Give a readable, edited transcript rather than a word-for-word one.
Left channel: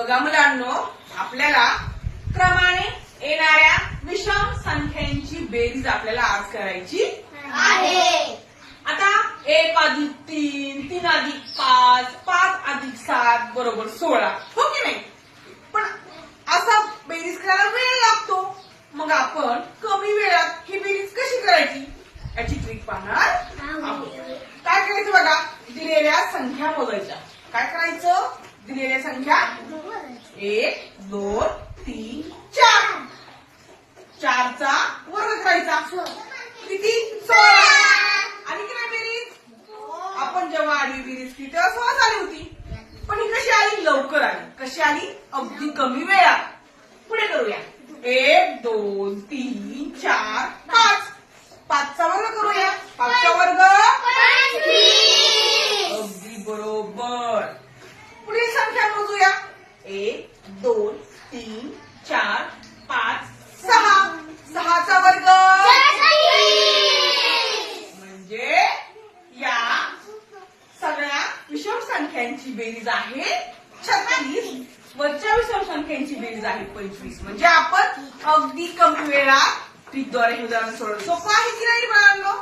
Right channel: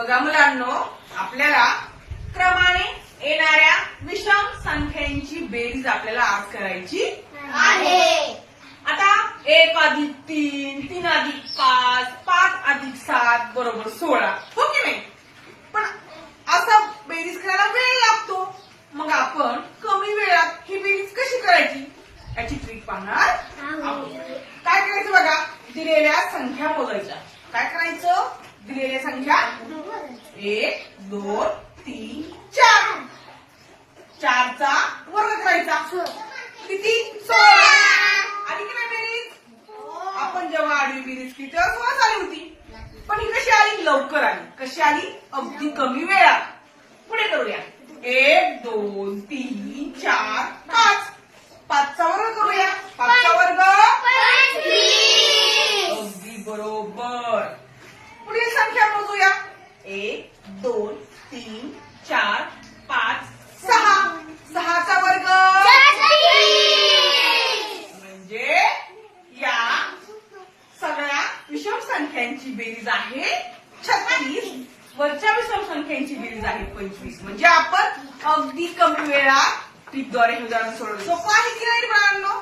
बघा मुलांनो, आपल्याला क्रमाने येणाऱ्या विषम संख्यांची बेरीज आपल्याला आज करायची आहे. आता 1 अधिक 3, 3 अधिक 5, 5 अधिक 7 बरोबर 16. हो की नाही? पण असा बेरीज करायला वेळ लागतो. मग आपण कमी वेळात ही बेरीज कशी करायची याची ट्रिक पाहणार आहोत. काय करायचं बघा, दिलेल्या संख्या मोजायच्या. काय करायचं? दिलेल्या संख्या 1, 2, 3, 4. 4चा वर्ग करायचा. किती? 16. आणि की नाही बेरीज? आपण जेव्हा आधी बेरीज केली तेव्हा 16 आली होती. पण ही कशी आली? लवकर आली. कशी आली? अगदी कमी वेळात. पुढे करूया. 1, 2, 3, 4, 5. 5चा वर्ग करूया. 5चा वर्ग अगदी बरोबर. पुढील संख्या मोजूया. 1, 2, 3, 4, 5, 6. 6चा वर्ग म्हणजे या सगळ्या विषम संख्यांची बेरीज आहे 36. वरच्या विषम संख्यांची बेरीज आहे 25. म्हणजे आपण अगदी कमी वेळात ट्रिकद्वारे उदाहरण सोडवलं. सोपं आहे की नाही मुलांनो?